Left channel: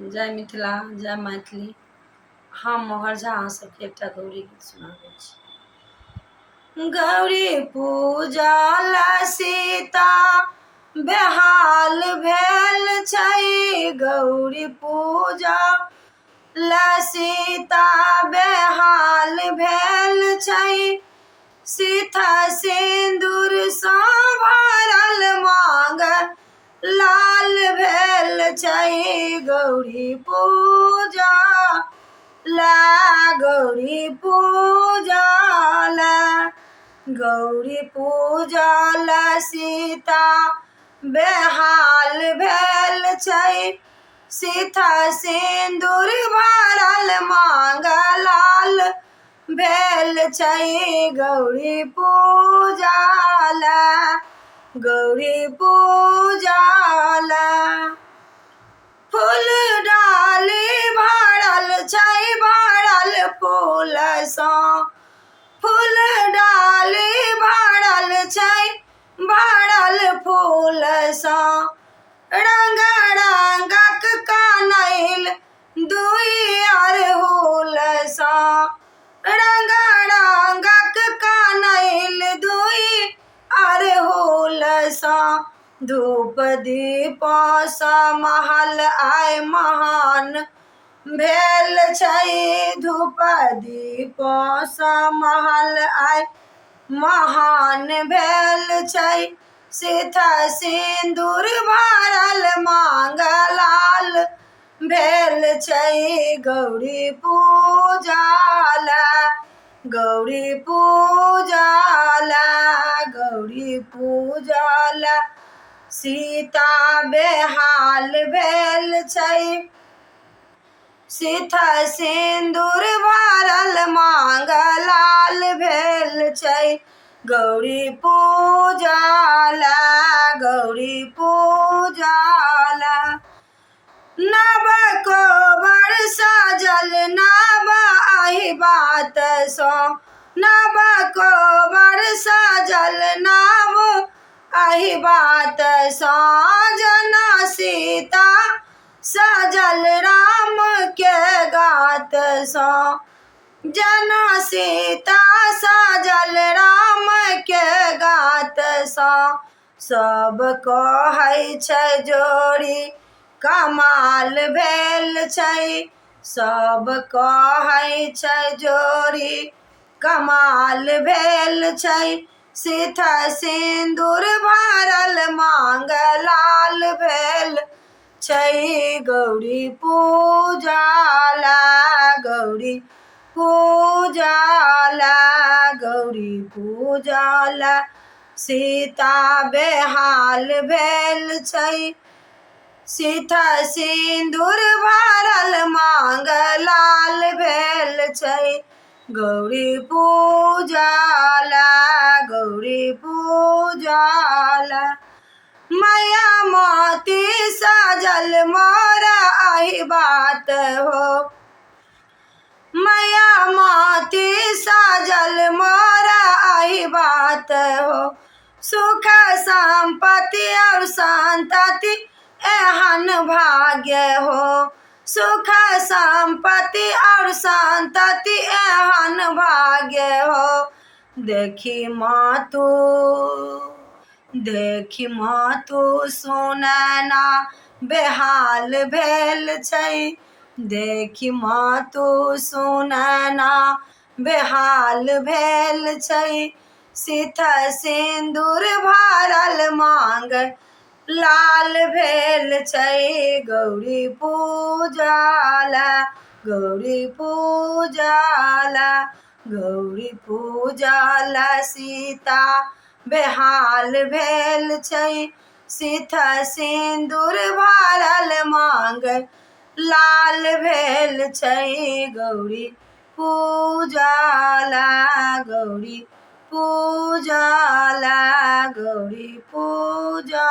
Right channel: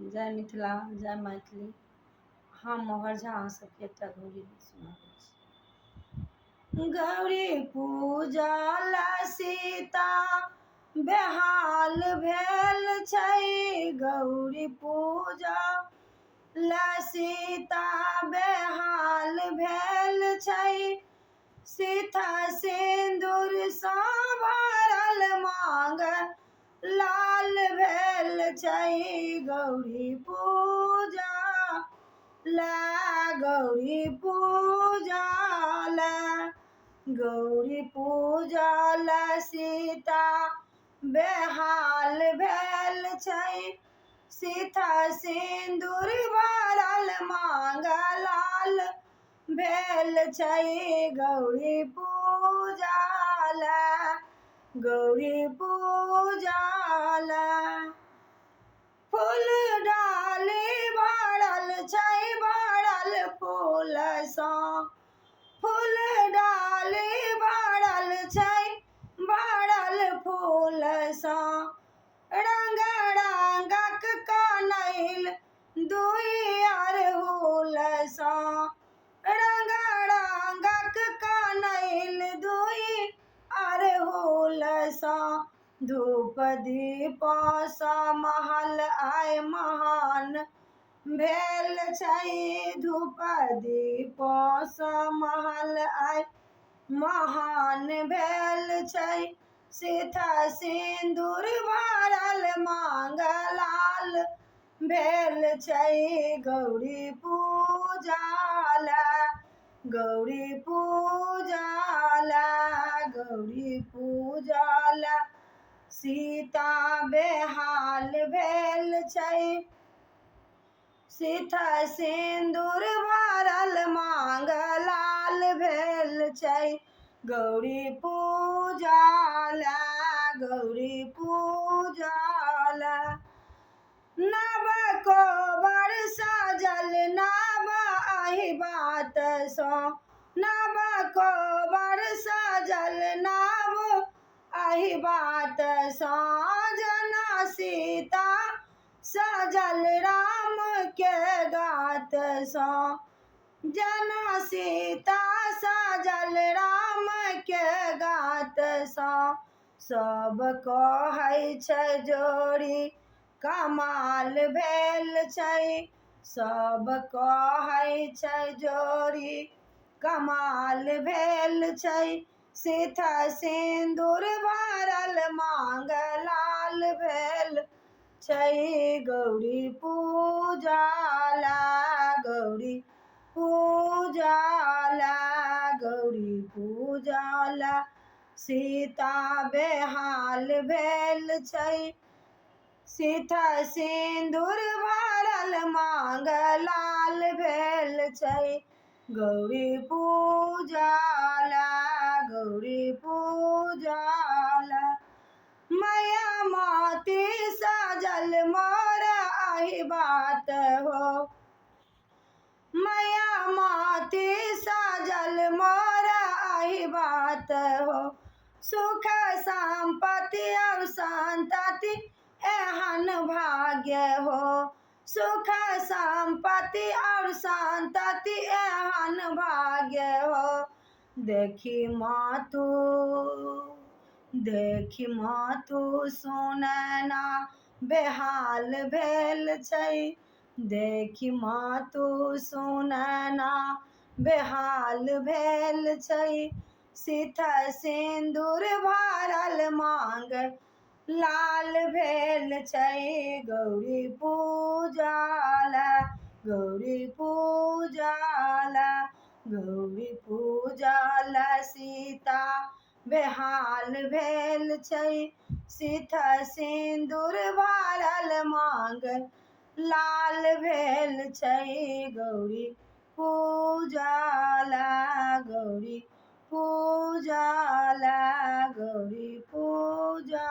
जय मिथिला, जय मैथिली। हम मोहर झा अहाँ सबके एकटा गौरी गीत सुनाबै छी। गौरी पूजला सीता बेहाल भेल छै, गौरी पूजा सीता बेहाल भेल छै। सीता सिंदूर सँ भरल मांग लाल भेल छै। गौरी पूजा गौरी पूजा गौरी पूजा सीता बेहाल भेल छै। सीता सिंदूर भरल मांग लाल भेल छै। गौरी पूजा गौरी पूजा फूल डाली भरल छै, भरल फूल सँ। फूल डाली भरल छै, भरल फूल सँ। रंग रंगक कनैल दुई अड़हुल सँ। रंग रंगक कनैल दुई अड़हुल सँ। धूप दीप सँ महल आइ महान भेल छै। धूप दीप सँ महल आइ महान भेल छै। सीता सिंदूर भरल मांग लाल भेल छै। गौरी पूजा गौरी पूजा गौरी पूजा सीता बेहाल भेल छै। सीता सिंदूर भरल मांग लाल भेल छै। गौरी पूजा गौरी पूजा नव कोबर सजल नव एहि बात सँ। नव कोबर सजल नव एहि बात सँ। जना सीता सजल राम के गात सँ। जना सीता सजल राम के गात सँ। सब कहै छै जोड़ी कमाल भेल छै। सब कहै छै जोड़ी कमाल भेल छै। सीता सिंदूर भरल मांग लाल भेल छै। गौरी पूजा गौरी पूजा गौरी पूजा सीता बेहाल भेल छै। सीता सिंदूर भरल मांग लाल भेल छै। गौरी पूजा गौरी पूजा मैया मोती सजल मोर एहि बात हो। मैया मोती सजल मोर एहि बात हो। सुख संपत्ति और संतति एहन भाग्य हो। सुख संपत्ति और संतति एहन भाग्य हो। देखी मातु सुनैना बेहाल भेल छै। देखी मातु सुनैना बेहाल भेल छै। सीता सिंदूर भरल मांग लाल भेल छै। गौरी पूजा गौरी पूजा गौरी पूजा सीता बेहाल भेल छै। सीता सिंदूर भरल मांग लाल भेल छै। गौरी पूजा गौरी पूजा गौरी पूजा